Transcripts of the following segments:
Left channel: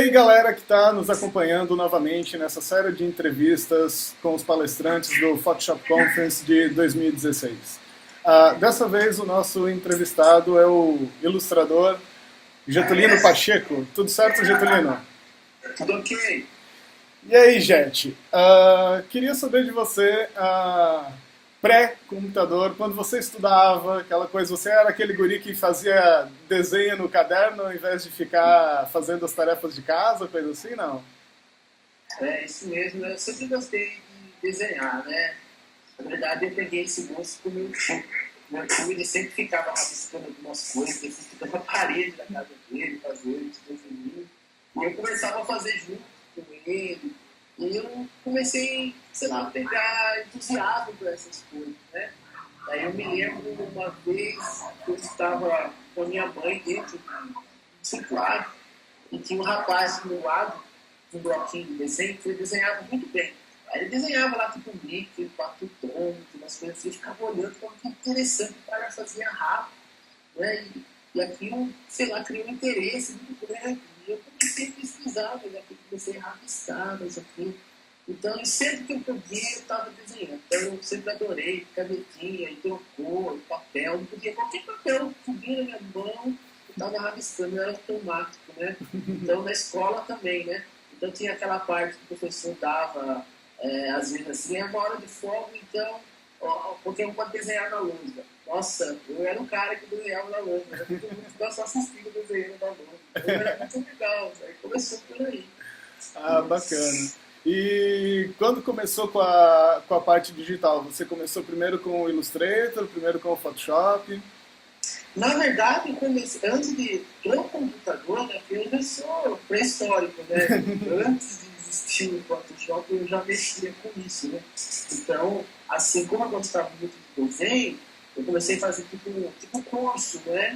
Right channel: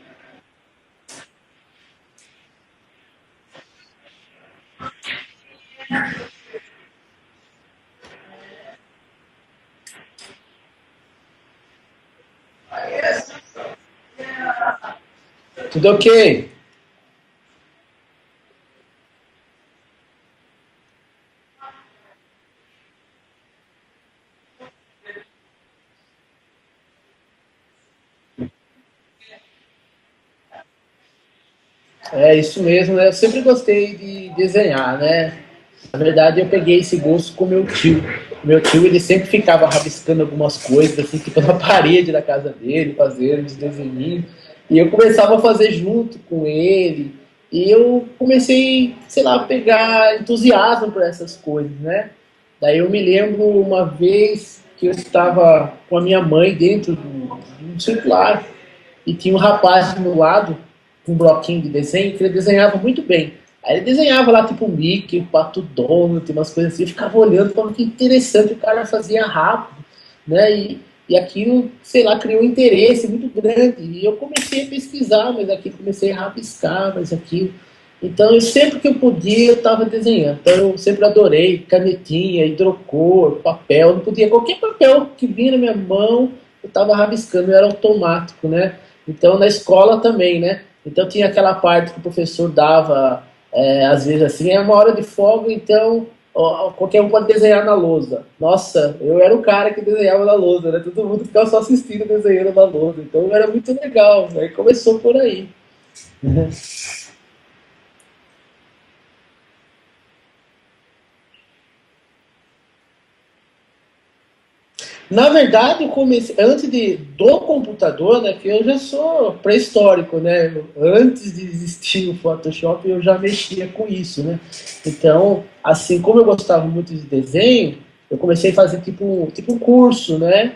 aí, galera que está nos acompanhando novamente nessa série de entrevistas com os palestrantes do Photoshop Conference de 2016. Dessa vez, o nosso entrevistado é o ilustrador Getulino Pacheco. Tudo certo, Getulino? Tudo ok. E aí, Jet? Queria saber de você, pré-computador, quando você estudava, aquela coisa, você era aquele guri que fazia desenho no caderno ao invés de ficar fazendo as tarefas de casa, coisa assim, não? É isso mesmo, né? Eu sempre gostei de desenhar, né? Na verdade, eu peguei esse gosto com meu tio. Meu tio, ele sempre ficava rabiscando algumas coisas, assim, tipo na parede da casa dele, fazendo os desenhinhos. E eu começava a fazer junto com ele. E eu comecei, sei lá, a pegar entusiasmo por essas coisas, né? Daí eu me lembro uma vez que eu estava com a minha mãe dentro de um circular. E tinha um rapaz do meu lado, com um bloquinho de desenho, que ele desenhava muito bem. Aí ele desenhava lá, tipo, o Mickey, o Pato Donald, umas coisas assim. Eu ficava olhando, falando que interessante, o cara fazia rápido, né? E aquilo, sei lá, criou um interesse muito grande. E eu comecei a pesquisar, mas aquilo, comecei a rabiscar, mas aquilo. Então, sempre que eu podia, eu estava desenhando. Então, eu sempre adorei canetinha, hidrocor, papel. Não podia, qualquer papel que vinha na minha mão, eu estava rabiscando, era automático, né? Então, na escola também, né? Então, tinha aquela parte que o professor dava, às vezes assim, é uma hora de folga, então ó, qualquer um pode desenhar na lousa. Nossa, eu era o cara que desenhava na lousa, né? Todo mundo ficava só assistindo desenhando na lousa. Então, era muito legal. Aí começou por aí. Bacana. E quando começou com a parte digital? Você começou primeiro com o Illustrator, primeiro com o Photoshop? Na verdade, eu comecei, antes do computador, né, que eu já sou pré-histórico, né? Antes de existir o Photoshop, eu já mexia com isso, né? Então, assim como eu gostava muito de desenho, eu comecei a fazer tipo um curso, né?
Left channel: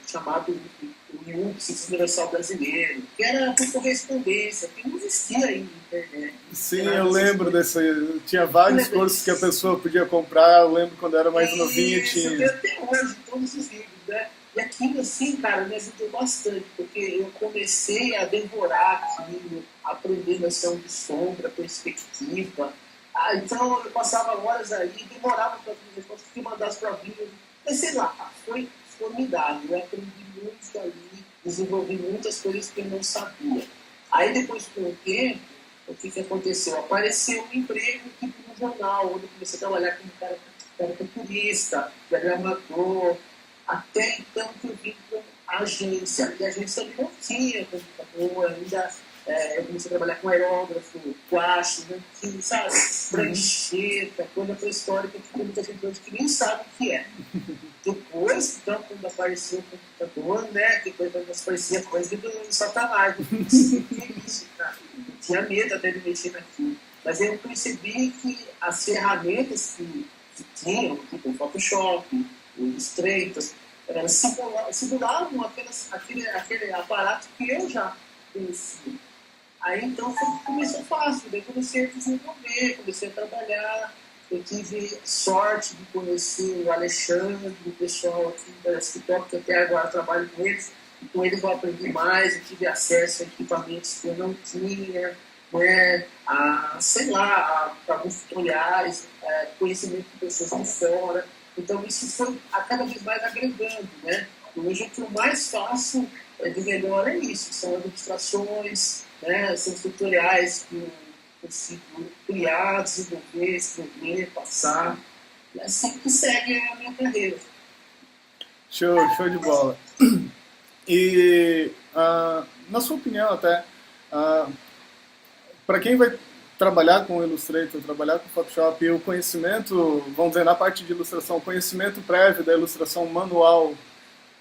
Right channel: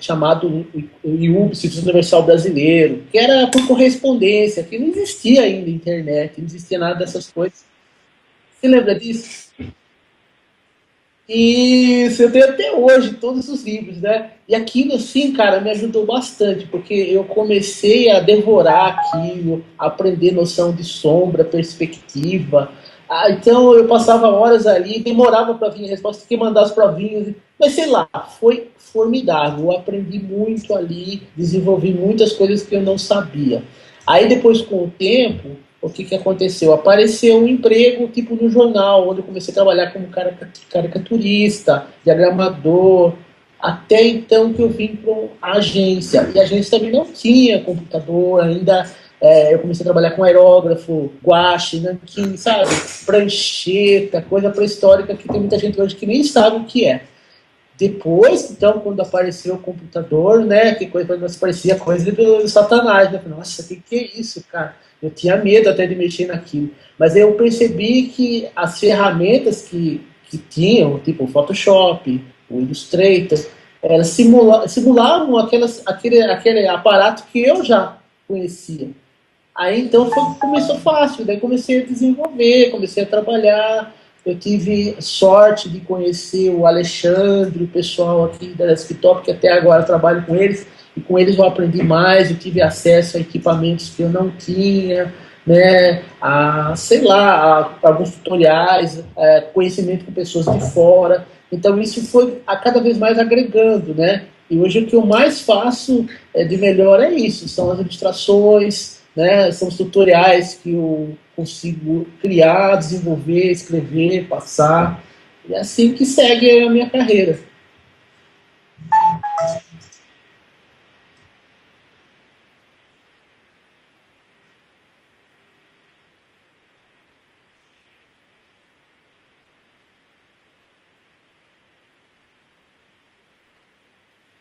Chamado IUB, Instituto Universal Brasileiro, que era por correspondência, que não existia ainda internet, não existia Sim, nada eu dessas lembro coisas. desse. Tinha Você vários lembra cursos que a disso? pessoa podia comprar. Eu lembro quando era mais novinho. Isso, eu tenho até hoje todos os livros, né? E aquilo, assim, cara, me ajudou bastante, porque eu comecei a devorar aquilo, a aprender noção de sombra, perspectiva. Então eu passava horas ali, demorava para vir a resposta, tinha que mandar as provinhas. Mas sei lá, foi formidável. Eu aprendi muito ali, desenvolvi muitas coisas que eu não sabia. Aí depois, com o tempo, o que aconteceu? Apareceu um emprego tipo no jornal, onde eu comecei a trabalhar como caricaturista, diagramador, até então que eu vim para a agência. E a agência também não tinha computador ainda. Eu comecei a trabalhar com aerógrafo, guache, nanquim, sabe? Prancheta, coisa pré-histórica que tem muita gente hoje que nem sabe o que é. Depois, então, quando apareceu o computador, né, que coisa parecia coisa do Satanás, né? Nossa, o que é isso, cara? Eu tinha medo até de mexer naquilo. Mas eu percebi que as ferramentas que tinham, tipo o Photoshop, o Illustrator, elas simulavam aquele aparato que eu já conhecia. Aí então começou fácil, daí comecei a desenvolver, comecei a trabalhar. Eu tive sorte de conhecer o Alexandre, o pessoal aqui da Desktop, que até agora trabalho com eles, e com eles eu aprendi mais, eu tive acesso a equipamentos que eu não tinha, né, sei lá, a alguns tutoriais, conhecimento com pessoas de fora. Então isso foi a cada vez mais agregando, né? E hoje o que eu mais faço de melhor é isso, são as ilustrações, né? São os tutoriais que eu consigo criar, desenvolver, escrever, passar. E é assim que segue a minha carreira. Show de bola. E, na sua opinião, até, para quem vai trabalhar com Illustrator, trabalhar com Photoshop, o conhecimento, vamos dizer, na parte de ilustração, o conhecimento prévio da ilustração manual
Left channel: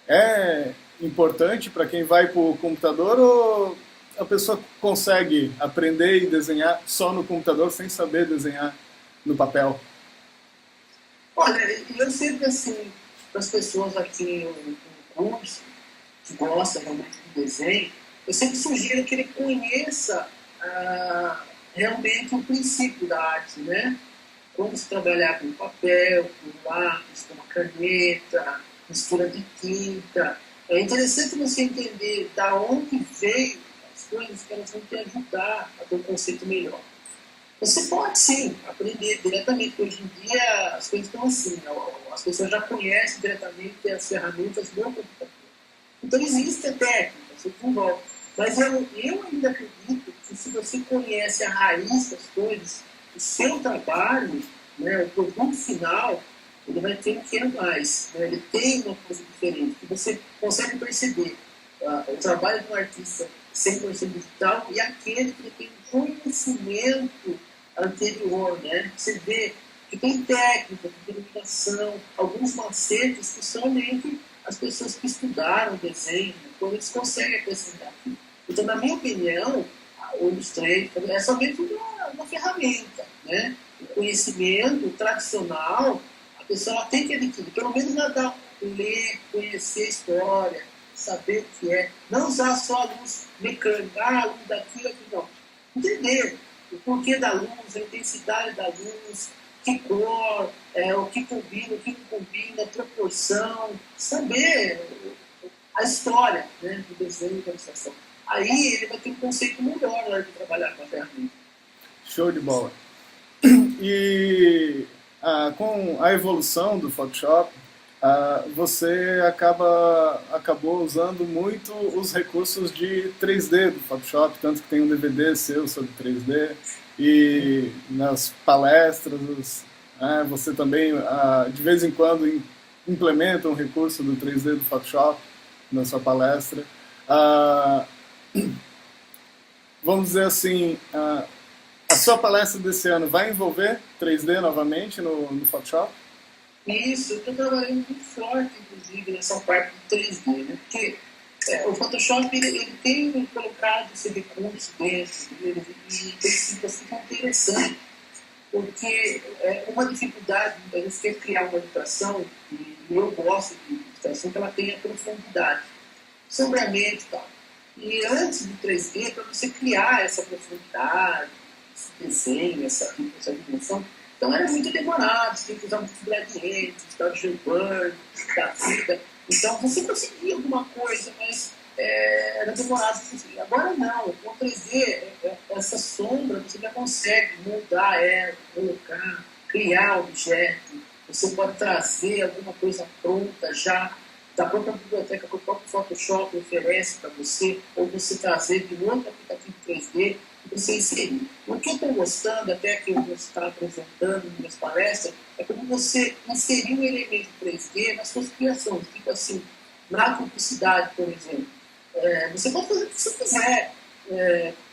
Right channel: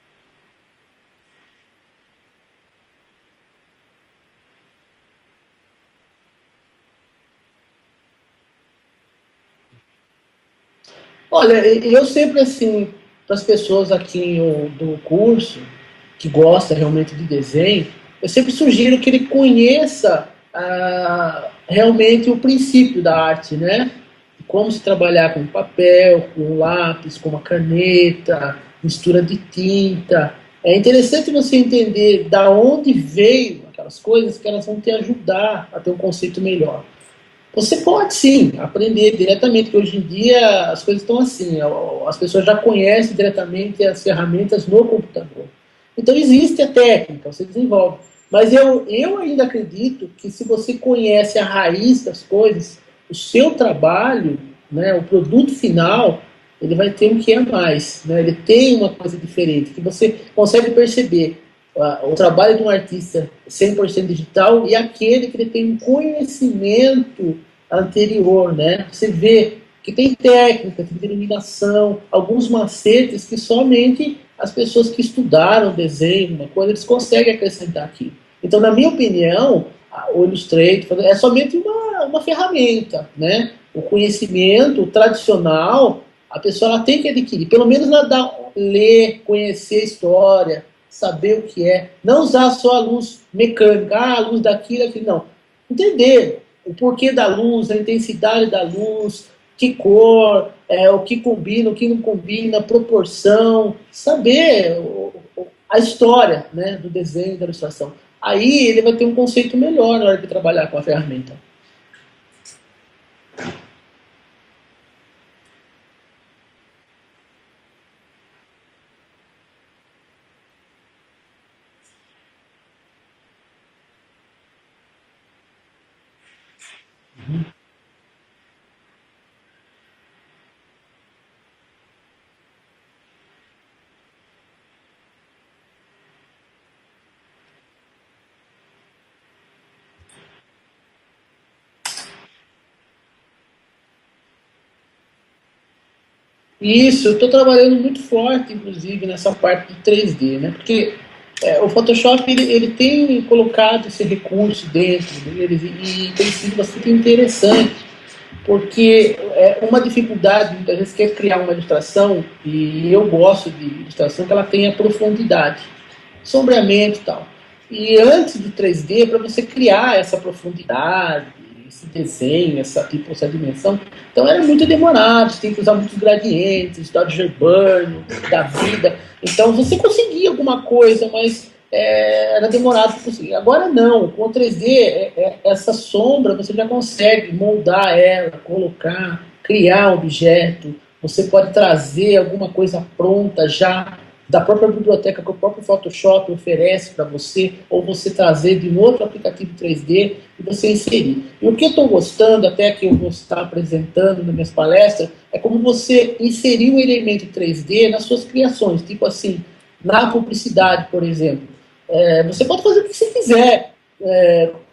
é importante para quem vai para o computador ou a pessoa consegue aprender e desenhar só no computador sem saber desenhar no papel? Olha, eu sempre assim, para as pessoas aqui do curso, que gosta realmente de desenho, eu sempre sugiro que ele conheça realmente o princípio da arte, né? Como se trabalhar com papel, com lápis, com uma caneta, mistura de tinta. É interessante você entender da onde veio aquelas coisas que elas vão te ajudar a ter um conceito melhor. Você pode sim aprender diretamente, porque hoje em dia as coisas estão assim, as pessoas já conhecem diretamente as ferramentas no computador. Então existe a técnica, você desenvolve. Mas eu ainda acredito que se você conhece a raiz das coisas, o seu trabalho, né, o produto final, ele vai ter um que é mais, né? Ele tem uma coisa diferente, que você consegue perceber o trabalho de um artista 100% digital e aquele que ele tem um conhecimento anterior, né? Você vê que tem técnica, tem iluminação, alguns macetes que somente as pessoas que estudaram desenho, né, quando eles conseguem acrescentar aquilo. Então, na minha opinião, o Illustrator é somente uma ferramenta, né? O conhecimento tradicional, a pessoa ela tem que adquirir, pelo menos ler, conhecer a história, saber o que é, não usar só a luz mecânica, a luz daquilo, aquilo, não. Entender o porquê da luz, a intensidade da luz, que cor, o que combina, o que não combina, proporção, saber a história, né, do desenho, da ilustração. Aí ele vai ter um conceito melhor na hora de trabalhar com a ferramenta. Show de bola. E com a evolução do Photoshop, você acabou usando muito os recursos de 3D do Photoshop, tanto que tem um DVD seu sobre 3D, e nas palestras, você também, de vez em quando, implementa um recurso do 3D do Photoshop na sua palestra. Vamos dizer assim, a sua palestra desse ano vai envolver 3D novamente no Photoshop? Isso, eu estou trabalhando muito forte, inclusive, nessa parte de 3D, né? Porque o Photoshop ele tem colocado esse recurso dentro dele e tem sido bastante interessante, porque uma dificuldade, muitas vezes, é criar uma ilustração, e eu gosto de ilustração que ela tenha profundidade, sombreamento e tal. E antes do 3D, para você criar essa profundidade, esse desenho, essa dimensão, então é muito demorado, você tem que usar muitos gradientes, história de burn, da vida. Então você conseguia alguma coisa, mas era demorado para conseguir. Agora não, com o 3D, essa sombra você já consegue moldar ela, colocar, criar objeto, você pode trazer alguma coisa pronta já da própria biblioteca que o próprio Photoshop oferece para você, ou você trazer de um outro aplicativo 3D e você inserir. E o que eu estou gostando, até que eu vou estar apresentando nas minhas palestras, é como você inserir um elemento 3D nas suas criações, tipo assim, na publicidade, por exemplo. Você pode fazer o que você quiser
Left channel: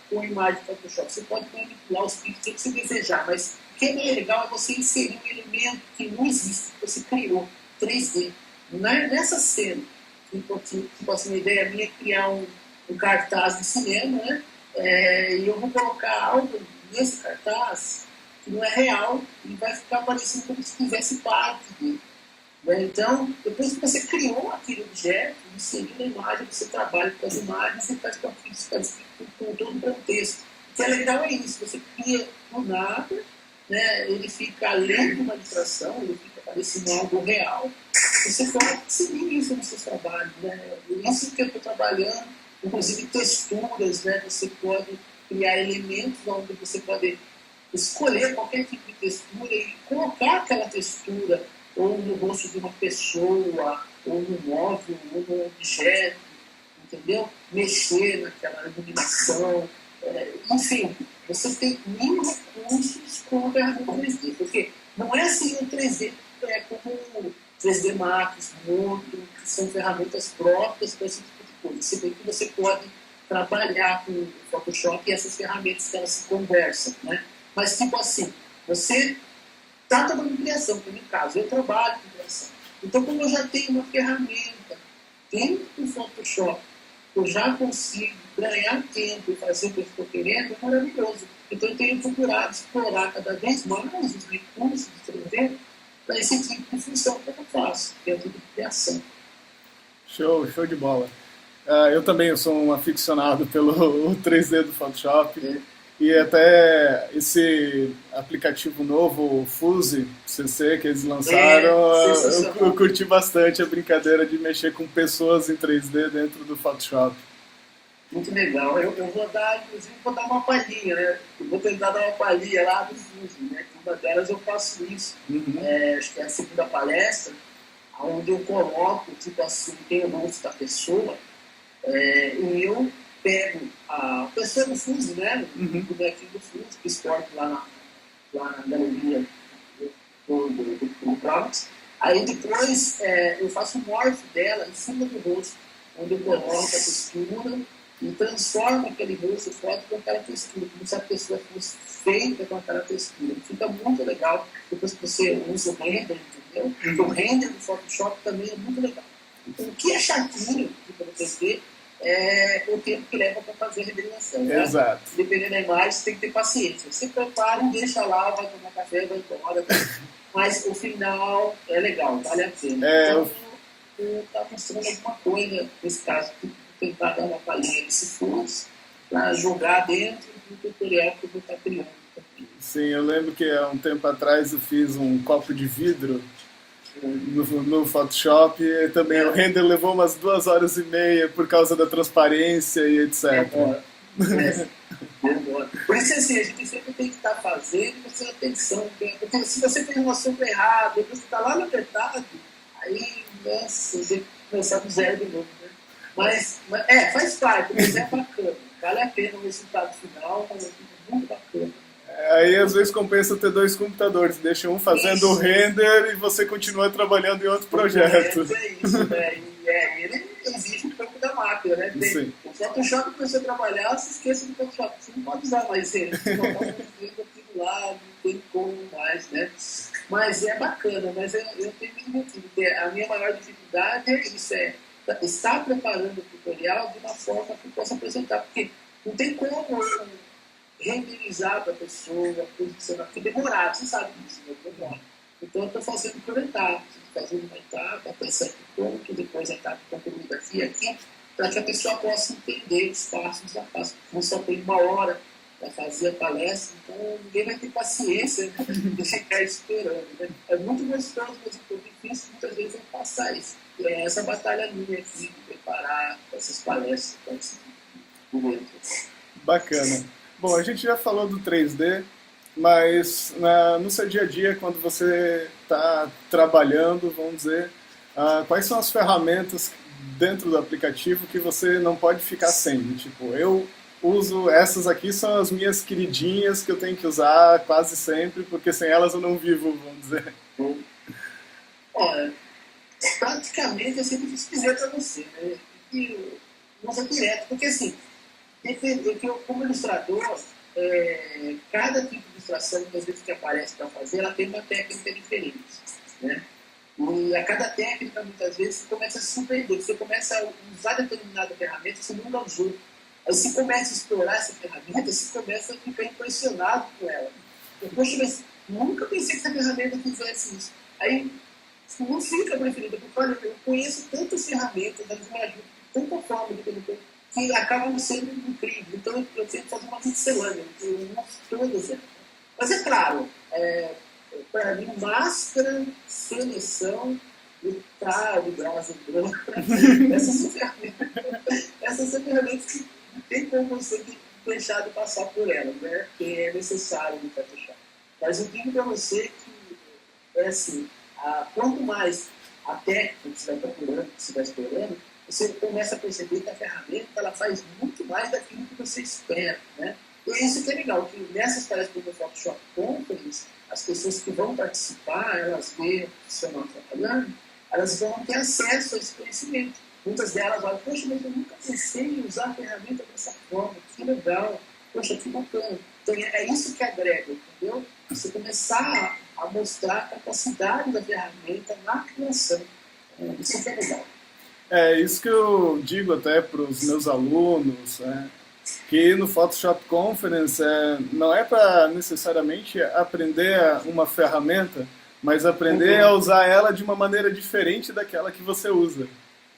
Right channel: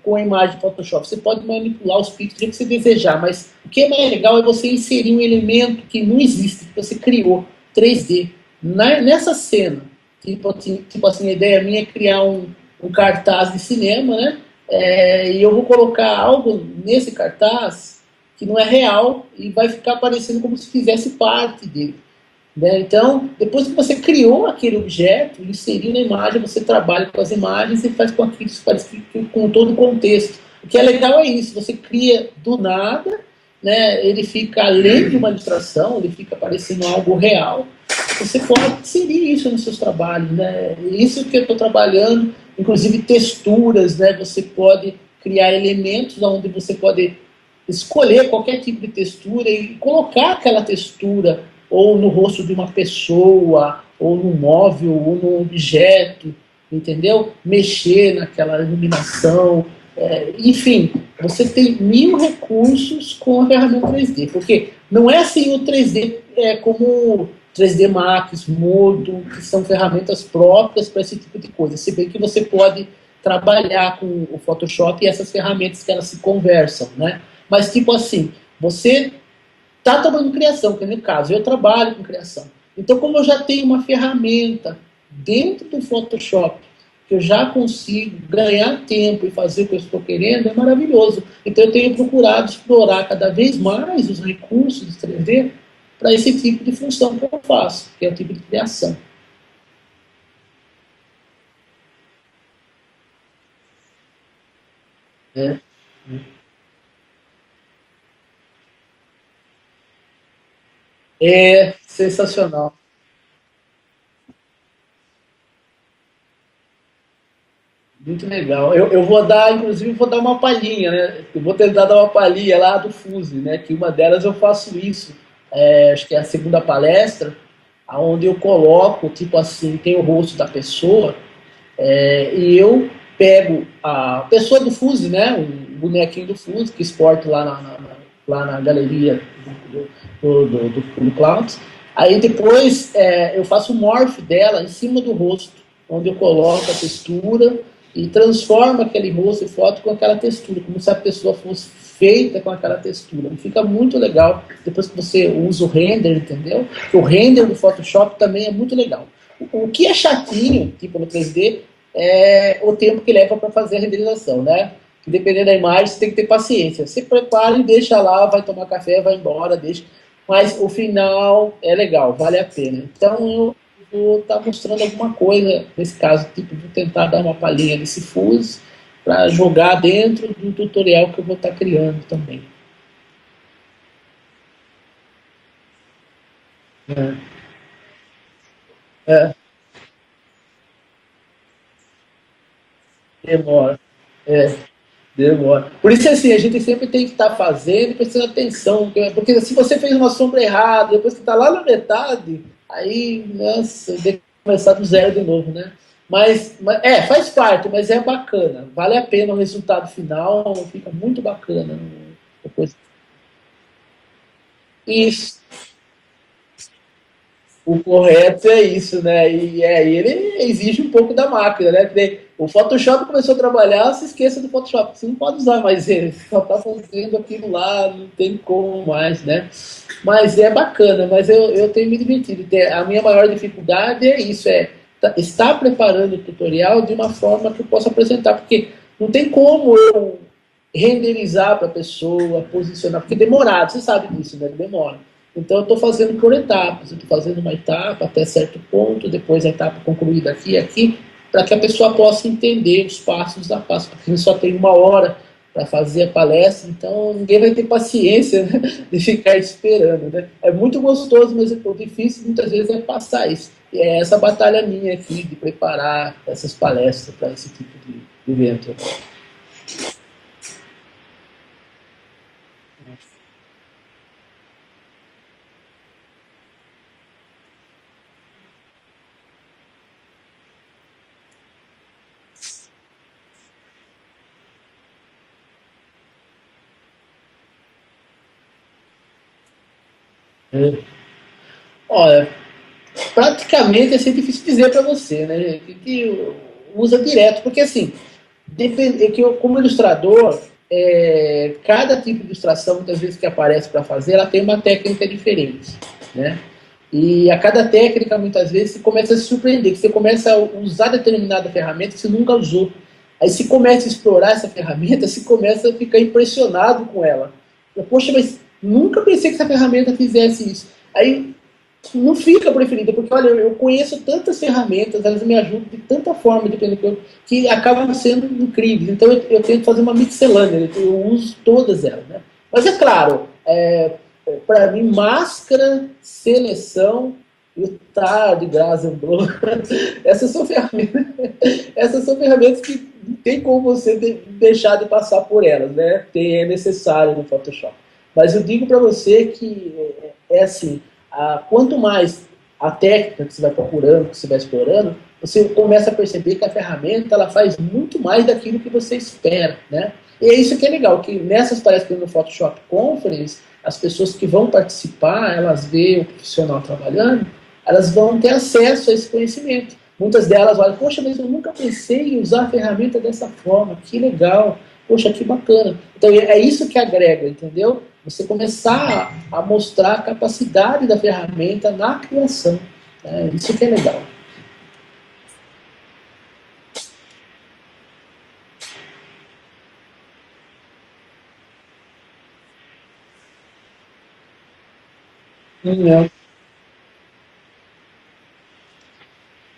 com a imagem do Photoshop, você pode manipular os pixels que você desejar, mas o que é mais legal é você inserir um elemento que não existe, que você criou, 3D, nessa cena. Tipo assim, a ideia minha é criar um cartaz de cinema, né? E eu vou colocar algo nesse cartaz que não é real e vai ficar parecendo como se fizesse parte dele. Né? Então, depois que você criou aquele objeto, inseriu na imagem, você trabalha com as imagens e faz com aquilo com todo o contexto. O que é legal é isso, você cria do nada, né? Ele fica além de uma ilustração, ele fica parecendo algo real. Você pode inserir isso nos seus trabalhos. Né? Isso que eu estou trabalhando, inclusive texturas, né? Você pode criar elementos onde você pode escolher qualquer tipo de textura e colocar aquela textura ou no rosto de uma pessoa, ou no móvel, ou no objeto, entendeu? Mexer naquela iluminação, enfim, você tem mil recursos com a ferramenta 3D, porque não é assim o 3D como 3D Max, Modo, que são ferramentas próprias para esse tipo de coisa. Se bem que você pode trabalhar com o Photoshop e essas ferramentas que elas se conversam, né? Mas tipo assim, você está trabalhando com criação, que é no caso, eu trabalho com criação. Então, como eu já tenho uma ferramenta dentro do Photoshop, que eu já consigo ganhar tempo e fazer o que eu estou querendo, é maravilhoso. Então, eu tenho procurado explorar cada vez mais os recursos de 3D para esse tipo de função que eu faço, que é o tipo de criação. Show de bola. Eu também sou um aficionado pelo 3D do Photoshop. E até esse aplicativo novo, o Fuse CC, que eles É lançaram, eu sensacional. curti bastante a brincadeira de mexer com pessoas em 3D dentro do Photoshop. Muito legal. Eu vou dar, inclusive, vou dar uma palhinha, né? Eu vou tentar dar uma palhinha lá do Fuse, né? Que uma delas eu faço isso. Uhum, É, acho que é a segunda palestra, onde eu coloco, tipo assim, tem o rosto da pessoa, e eu pego a pessoa do Fuse, né? O uhum. bonequinho do Fuse, que exporto lá na galeria do Clouds. Aí depois eu faço o morph dela em cima do rosto, onde eu coloco a textura e transformo aquele rosto e foto com aquela textura, como se a pessoa fosse feita com aquela textura. E fica muito legal depois que você usa o render, entendeu? O render do Photoshop também é muito legal. O que é chatinho, tipo no 3D, é o tempo que leva para fazer a renderização, né? Exato. Dependendo da imagem, você tem que ter paciência. Você prepara e deixa lá, vai tomar café, vai embora, deixa. Mas o final é legal, vale a pena. É, Então eu vou estar mostrando alguma coisa nesse caso, tipo, vou tentar dar uma palhinha nesse fuse para jogar dentro do tutorial que eu vou estar criando também. sim, eu lembro que há um tempo atrás eu fiz um copo de vidro no Photoshop e também o É, render levou umas 2 horas e meia por causa da transparência e etc. demora. É, demora. Por isso, assim, a gente sempre tem que estar fazendo, prestando atenção, porque se você fez uma sombra errada, depois que está lá na metade, aí, nossa, tem que começar do zero de novo, né? Faz parte, mas é bacana. Vale a pena o resultado final, fica muito bacana. Aí às vezes compensa ter dois computadores, deixa um fazendo o Isso. render e você continua trabalhando em outro O projeto. correto é isso, né? Ele exige um pouco da máquina, né? Sim. O Photoshop começou a trabalhar, se esqueça do Photoshop. Você não pode usar mais ele. Você só está fazendo aquilo lá, não tem como mais, né? Mas é bacana, mas eu tenho me divertido. A minha maior dificuldade é isso, estar preparando o tutorial de uma forma que eu possa apresentar, porque não tem como eu renderizar para a pessoa, posicionar, porque é demorado, você sabe disso, né? Demora. Então, eu estou fazendo por etapas. Eu estou fazendo uma etapa até certo ponto, depois a etapa concluída aqui e aqui, para que a pessoa possa entender os passos a passo. Porque a gente só tem 1 hora para fazer a palestra, então ninguém vai ter paciência, né, de ficar esperando. Né? É muito gostoso, mas o difícil muitas vezes é passar isso. E é essa batalha minha aqui de preparar essas palestras para esse tipo de evento. Bacana. Bom, a gente já falou do 3D, mas no seu dia a dia, quando você está trabalhando, vamos dizer, quais são as ferramentas dentro do aplicativo que você não pode ficar sem? Tipo, eu uso essas aqui, são as minhas queridinhas que eu tenho que usar quase sempre, porque sem elas eu não vivo, vamos dizer. Olha, praticamente é sempre difícil dizer para você, né? Que usa direto, porque assim, depende, que eu, como ilustrador, cada tipo de ilustração, muitas vezes que aparece para fazer, ela tem uma técnica diferente, né? E a cada técnica, muitas vezes, você começa a se surpreender, você começa a usar determinada ferramenta que você nunca usou. Aí se começa a explorar essa ferramenta, você começa a ficar impressionado com ela. Poxa, mas nunca pensei que essa ferramenta fizesse isso. Aí não fica preferida, porque olha, eu conheço tantas ferramentas, elas me ajudam de tanta forma, dependendo do que acabam sendo incríveis. Então eu tento fazer uma miscelânea, eu uso todas elas. Né? Mas é claro, para mim, máscara, seleção e tarde, graça, essas são ferramentas, essas são ferramentas que não tem como você deixar de passar por elas, né? Que é necessário no Photoshop. Mas eu digo para você que assim, quanto mais a técnica que você vai procurando, que você vai explorando, você começa a perceber que a ferramenta ela faz muito mais daquilo que você espera, né? E é isso que é legal, que nessas palestras no Photoshop Conference, as pessoas que vão participar, elas veem o profissional trabalhando, elas vão ter acesso a esse conhecimento. Muitas delas olham, poxa, mas eu nunca pensei em usar a ferramenta dessa forma, que legal, poxa, que bacana. Então é isso que agrega, entendeu? Você começar a mostrar a capacidade da ferramenta na criação. Né? Isso que é legal. É isso que eu digo até para os meus alunos, né? Que no Photoshop Conference não é para necessariamente aprender uma ferramenta, mas aprender Uhum. a usar ela de uma maneira diferente daquela que você usa.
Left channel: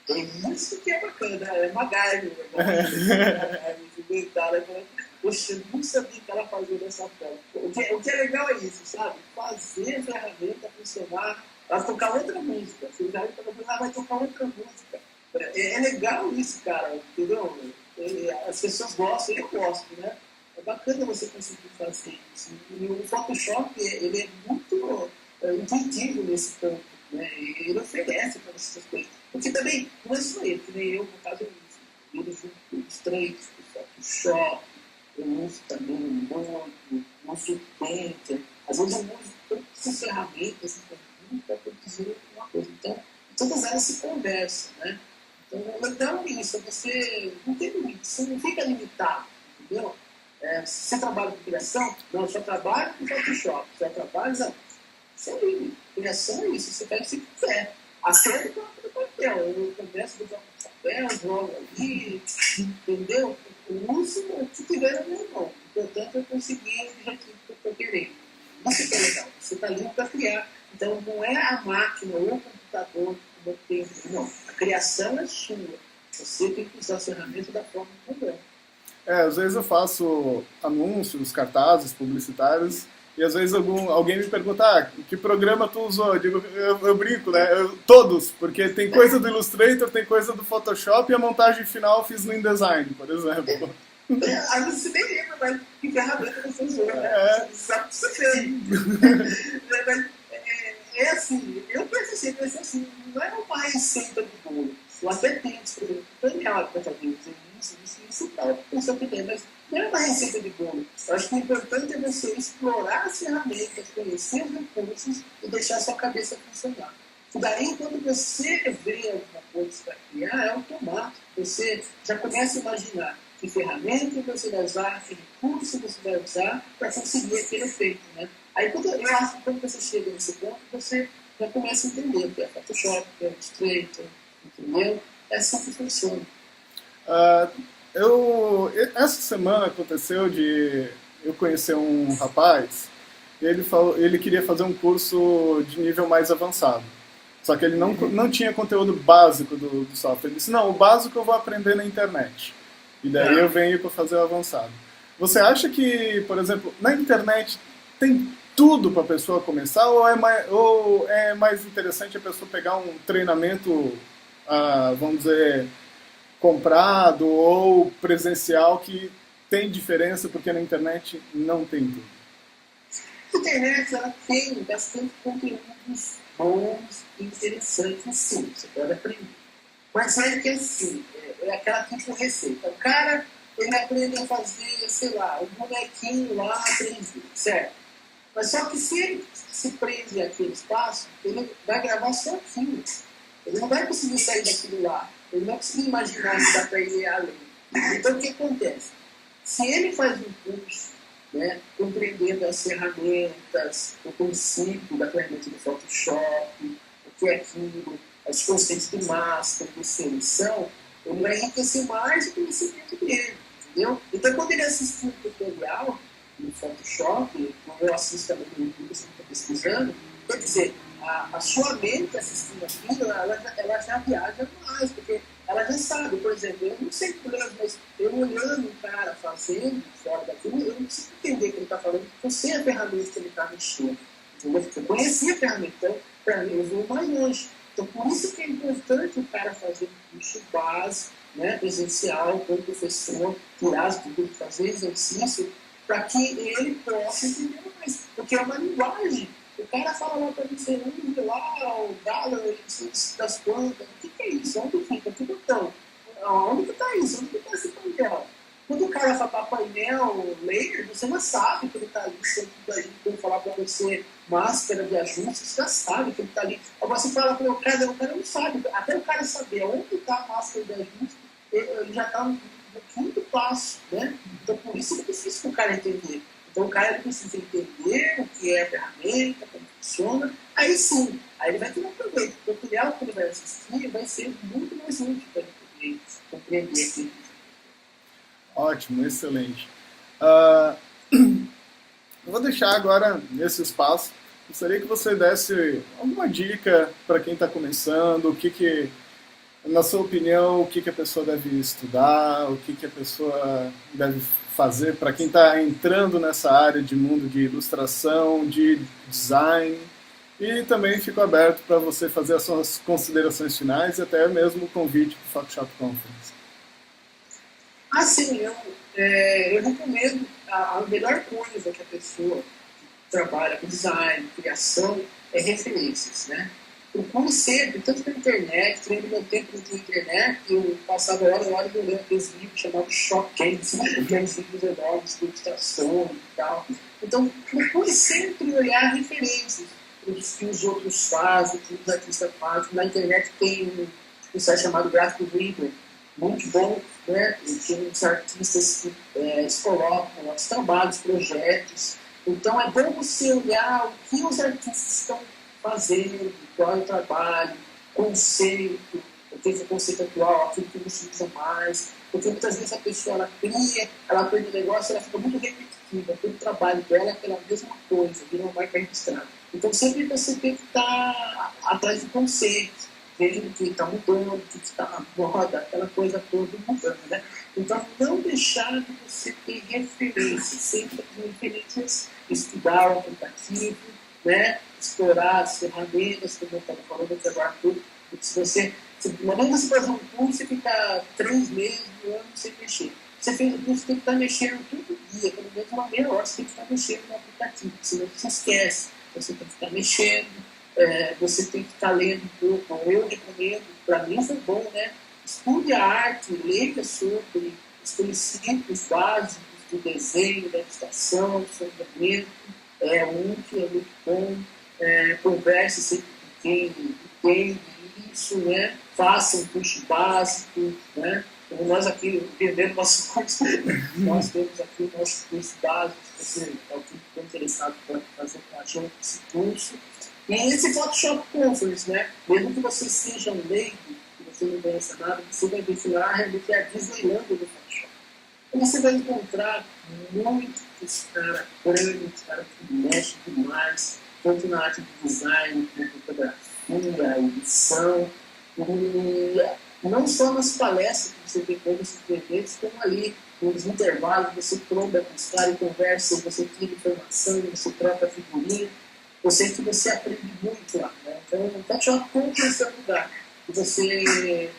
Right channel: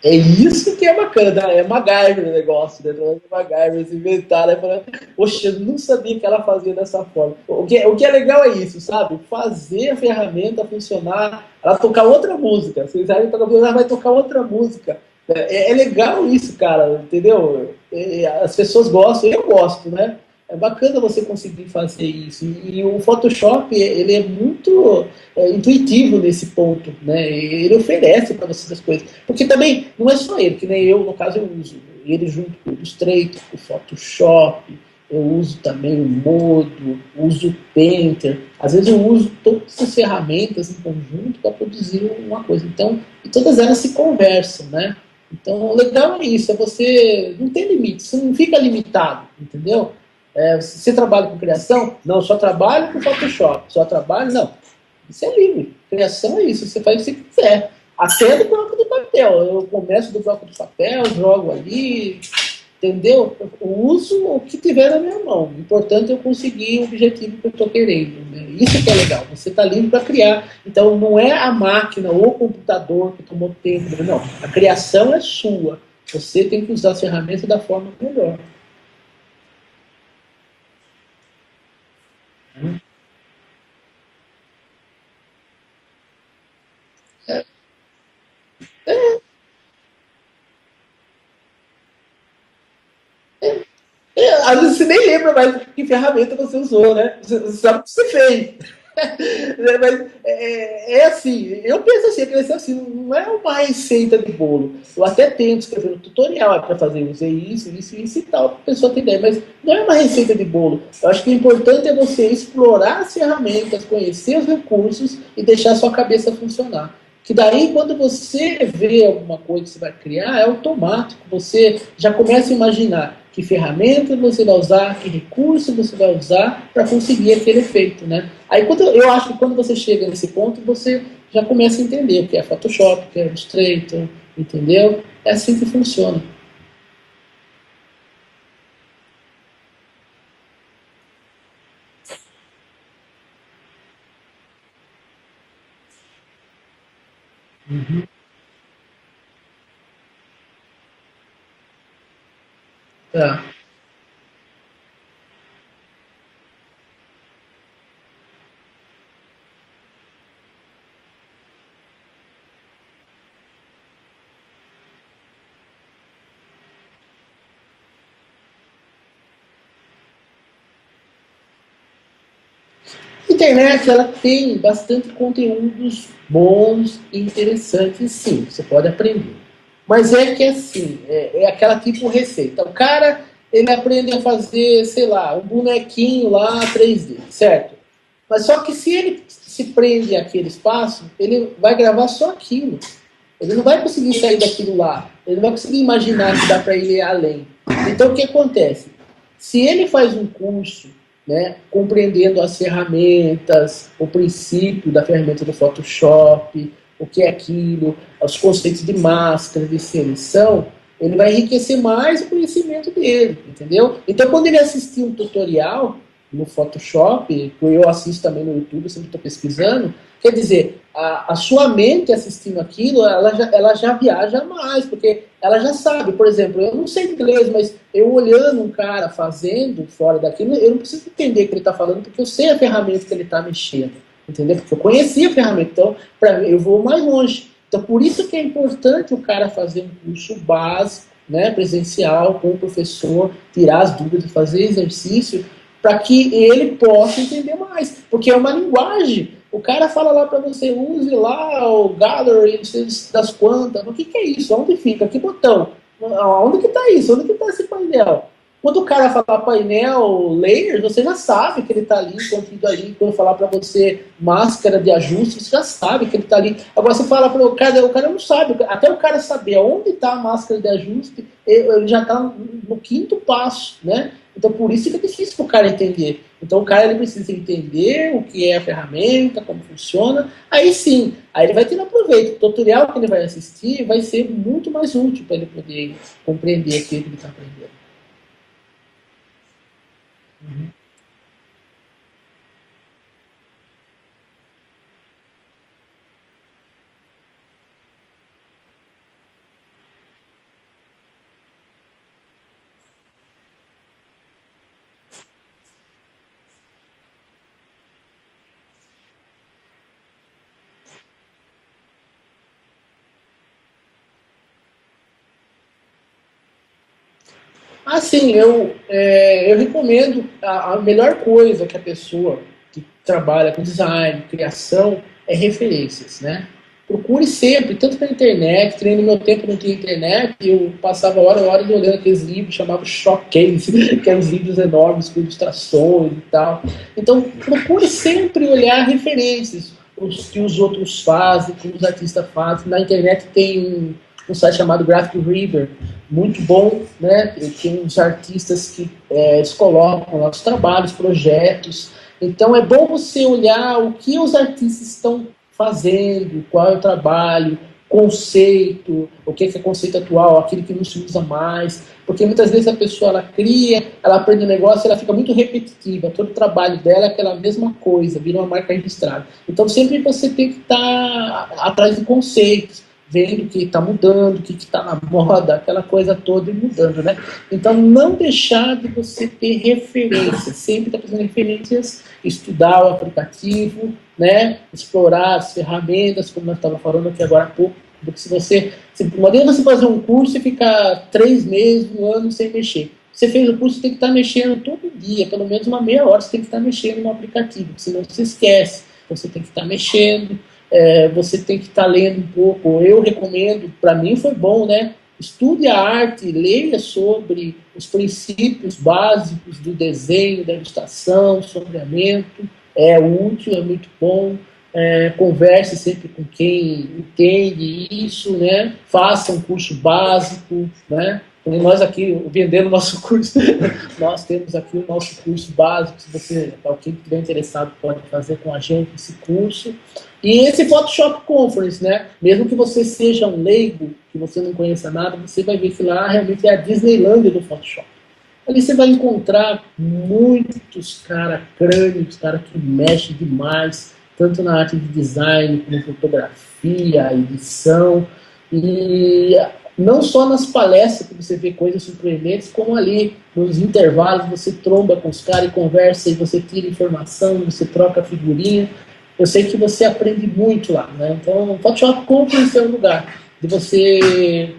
É isso que é bacana, é MacGyver o negócio, né? MacGyver, eles inventaram, aí falaram, poxa, eu não sabia que ela fazia dessa forma. O que é legal é isso, sabe? Fazer a ferramenta funcionar, ela tocar outra música. Vocês sabem que ela vai tocar outra música. É legal isso, cara, entendeu? As pessoas gostam, eu gosto, né? É bacana você conseguir fazer isso. E o Photoshop, ele é muito intuitivo nesse ponto, né? Ele oferece para você as coisas. Porque também não é só ele, que nem eu, no caso, eu uso ele junto com o Illustrator, com o Photoshop, eu uso também o Modo, uso o Painter. Às vezes eu uso todas essas ferramentas em conjunto para produzir uma coisa. Então, e todas elas se conversam, né? Então, o legal é isso, é você não tem limite, você não fica limitado, entendeu? Você trabalha com criação? Não, só trabalho com Photoshop, só trabalho, não. Isso é livre. Criação é isso. Você faz o que você quiser. Até do bloco de papel. Eu começo do bloco de papel, jogo ali, entendeu? Eu uso o que tiver na minha mão. O importante é eu conseguir o objetivo que eu estou querendo. Né? Isso que é legal. Você está livre para criar. Então não é a máquina ou o computador que tomou tempo. Não. A criação é sua. Você tem que usar as ferramentas da forma melhor. Às vezes eu faço anúncios, cartazes publicitários, e às vezes alguém me pergunta, que programa tu usou? Eu digo, eu brinco, né? Todos, porque tem coisa do Illustrator, tem coisa do Photoshop, e a montagem final eu fiz no InDesign, por exemplo. Às vezes você nem lembra mais que ferramenta você usou, né? Você sabe o que você fez. Mas assim, eu penso assim, não é uma receita de bolo. Eu até tento escrever um tutorial para fazer isso e tal, para a pessoa ter ideia, mas não é uma receita de bolo. Eu acho que o importante é você explorar as ferramentas, conhecer os recursos e deixar a sua cabeça funcionar. Que daí, quando você vê alguma coisa que você vai criar, é automático. Você já começa a imaginar que ferramenta você vai usar, que recurso você vai usar para conseguir aquele efeito, né? Aí eu acho que quando você chega nesse ponto, você já começa a entender o que é Photoshop, o que é Illustrator, entendeu? É assim que funciona. Ah, essa semana aconteceu de eu conhecer um rapaz, e ele queria fazer um curso de nível mais avançado. Só que ele não tinha conteúdo básico do software. Ele disse, não, o básico eu vou aprender na internet. E daí eu venho para fazer o avançado. Você acha que, por exemplo, na internet tem tudo para a pessoa começar ou é mais interessante a pessoa pegar um treinamento, vamos dizer, comprado ou presencial que tem diferença porque na internet não tem tudo? A internet ela tem bastante conteúdos bons e interessantes, sim, você pode aprender. Mas é que assim, é aquela tipo receita. O cara, ele aprende a fazer, sei lá, um bonequinho lá 3D, certo? Mas só que se ele se prende àquele espaço, ele vai gravar só aquilo. Ele não vai conseguir sair daquilo lá. Ele não vai conseguir imaginar que dá para ir além. Então, o que acontece? Se ele faz um curso, né, compreendendo as ferramentas, o princípio da ferramenta do Photoshop, o que é aquilo, os conceitos de máscara, de seleção, ele vai enriquecer mais o conhecimento dele, entendeu? Então, quando ele assistir um tutorial no Photoshop, eu assisto também no YouTube, sempre estou pesquisando, quer dizer, a sua mente assistindo aquilo, ela já viaja mais, porque ela já sabe, por exemplo, eu não sei inglês, mas eu olhando um cara fazendo fora daquilo, eu não preciso entender o que ele está falando, porque eu sei a ferramenta que ele está mexendo, entendeu? Porque eu conheci a ferramenta, então eu vou mais longe. Então, por isso que é importante o cara fazer um curso base, né, presencial, com o professor, tirar as dúvidas, fazer exercício, para que ele possa entender mais. Porque é uma linguagem. O cara fala lá para você, use lá o gallery, não sei das quantas. O que é isso? Onde fica? Que botão? Onde que está isso? Onde que está esse painel? Quando o cara falar painel, layer, você já sabe que ele está ali, contido ali. Quando falar para você máscara de ajuste, você já sabe que ele está ali. Agora você fala para o cara não sabe. Até o cara saber onde está a máscara de ajuste, ele já está no quinto passo, né? Então por isso que é difícil para o cara entender. Então o cara ele precisa entender o que é a ferramenta, como funciona. Aí sim, aí ele vai ter um proveito. O tutorial que ele vai assistir vai ser muito mais útil para ele poder compreender aquilo que ele está aprendendo. Ótimo, excelente. Ah, eu vou deixar agora nesse espaço. Gostaria que você desse alguma dica para quem está começando, Na sua opinião, o que, que a pessoa deve estudar, o que, que a pessoa deve fazer para quem está entrando nessa área de mundo de ilustração, de design? E também fico aberto para você fazer as suas considerações finais e até mesmo o convite para o Photoshop Conference. Sim, eu recomendo a melhor coisa que a pessoa que trabalha com design, criação, é referências, né? Procure sempre, tanto na internet, que nem no meu tempo não tinha internet, eu passava horas olhando aqueles livros chamados showcase, que eram os livros enormes com ilustrações e tal. Então, procure sempre olhar referências, os que os outros fazem, o que os artistas fazem. Na internet tem um site chamado Graphic Reader, muito bom, né? E tem uns artistas que eles colocam lá os trabalhos, projetos. Então é bom você olhar o que os artistas estão fazendo, qual é o trabalho, conceito, o que é conceito atual, aquilo que não se usa mais. Porque muitas vezes a pessoa ela cria, ela aprende um negócio, ela fica muito repetitiva. Todo o trabalho dela é aquela mesma coisa, vira uma marca registrada. Então sempre você tem que estar atrás do conceito, vendo o que está mudando, o que está na moda, aquela coisa toda e mudando, né? Então, não deixar de você ter referências, sempre estar fazendo referências, estudar o aplicativo, né? Explorar as ferramentas, como eu estava falando aqui agora há pouco, porque não adianta você fazer um curso e ficar 3 meses, um ano sem mexer. Você fez o curso, você tem que estar mexendo todo dia, pelo menos uma meia hora, você tem que estar mexendo no aplicativo, senão você esquece. Você tem que estar mexendo, você tem que estar lendo um pouco. Eu recomendo, para mim foi bom, né? Estude a arte, leia sobre os princípios básicos do desenho, da ilustração, do sombreamento. É útil, é muito bom. Converse sempre com quem entende isso, né? Faça um curso básico, né? Nós aqui vendendo nosso curso, nós temos aqui o nosso curso básico. Se você, alguém estiver interessado, pode fazer com a gente esse curso. E esse Photoshop Conference, né? Mesmo que você seja um leigo, que você não conheça nada, você vai ver que lá realmente é a Disneylândia do Photoshop. Ali você vai encontrar muitos caras crânios, caras que mexem demais, tanto na arte de design, como fotografia, edição, e não só nas palestras que você vê coisas surpreendentes, como ali nos intervalos você tromba com os caras e conversa, e você tira informação, você troca figurinha. Eu sei que você aprende muito lá, né? Então, o Photoshop Conference é um lugar de você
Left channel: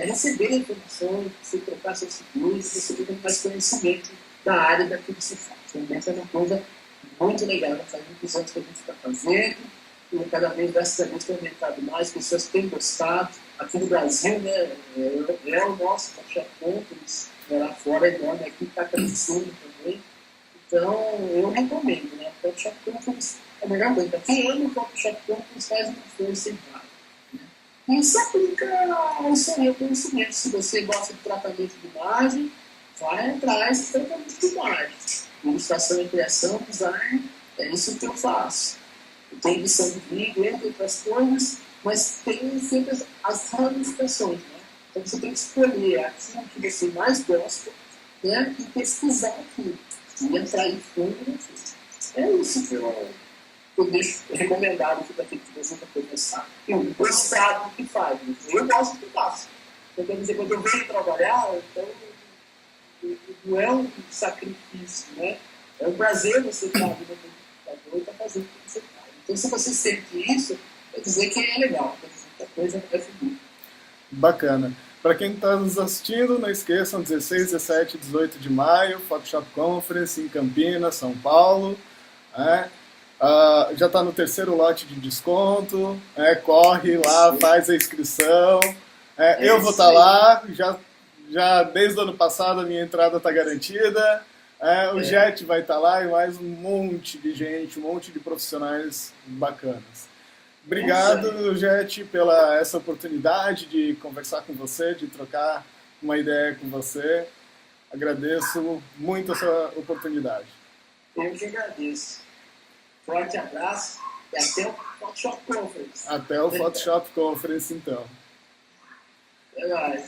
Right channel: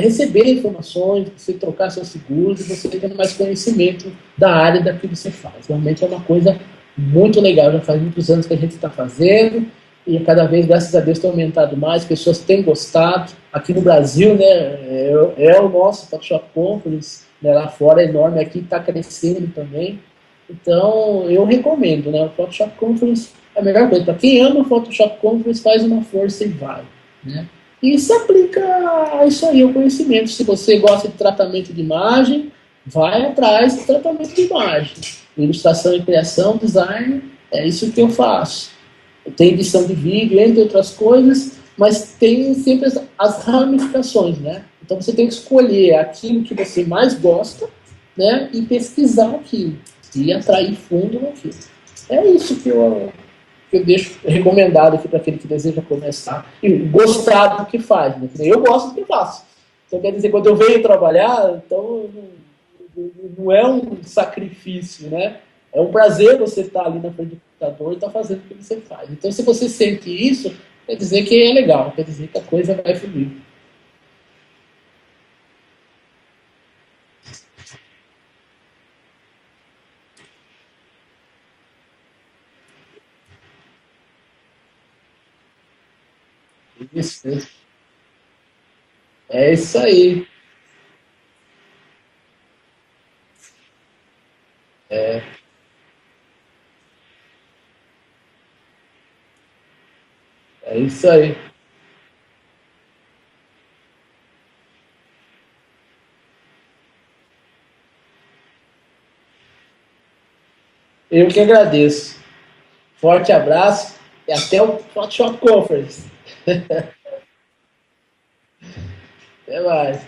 receber informações, você trocar seus seguros, você tendo mais conhecimento da área da que você faz. Realmente é uma coisa muito legal, já faz muitos anos que a gente está fazendo, e cada vez, graças a Deus, tem aumentado mais, pessoas têm gostado. Aqui no Brasil, né, o nosso Photoshop Conference, né, lá fora é enorme, aqui está crescendo também. Então, eu recomendo, né, o Photoshop Conference é a melhor coisa. Para quem ama o Photoshop Conference, faz uma força e vai, né? E se aplica a isso aí, ao conhecimento. Se você gosta de tratamento de imagem, vai atrás de tratamento de imagem. Ilustração e criação, design, é isso que eu faço. Tem edição de vídeo, entre outras coisas, mas tem sempre as ramificações, né? Então você tem que escolher aquilo que você mais gosta, né? E pesquisar aquilo. E atrair fundo naquilo. É isso que eu deixo recomendado aqui para aquele que deseja começar e gostar do que faz. Né? Eu gosto do que faço. Então, quer dizer, quando eu venho trabalhar, então não é um sacrifício, né? É um prazer você estar ali na frente do computador e estar fazendo o que você faz. Então, se você sente isso, quer dizer que é legal, quer dizer que a coisa vai fluir. Bacana. Para quem está nos assistindo, não esqueçam, 16, 17 e 18 de maio, Photoshop Conference em Campinas, São Paulo. Já está no terceiro lote de desconto, corre lá, faz a inscrição. Eu vou estar lá, já desde o ano passado a minha entrada está garantida. O Jet vai estar lá e mais um monte de gente, um monte de profissionais bacanas. Obrigado, Jet, pela essa oportunidade de conversar com você, de trocar uma ideia com você. Agradeço muito essa oportunidade. Eu que agradeço. Forte abraço e até o Photoshop Conference. Até o Photoshop Conference, então. Até mais.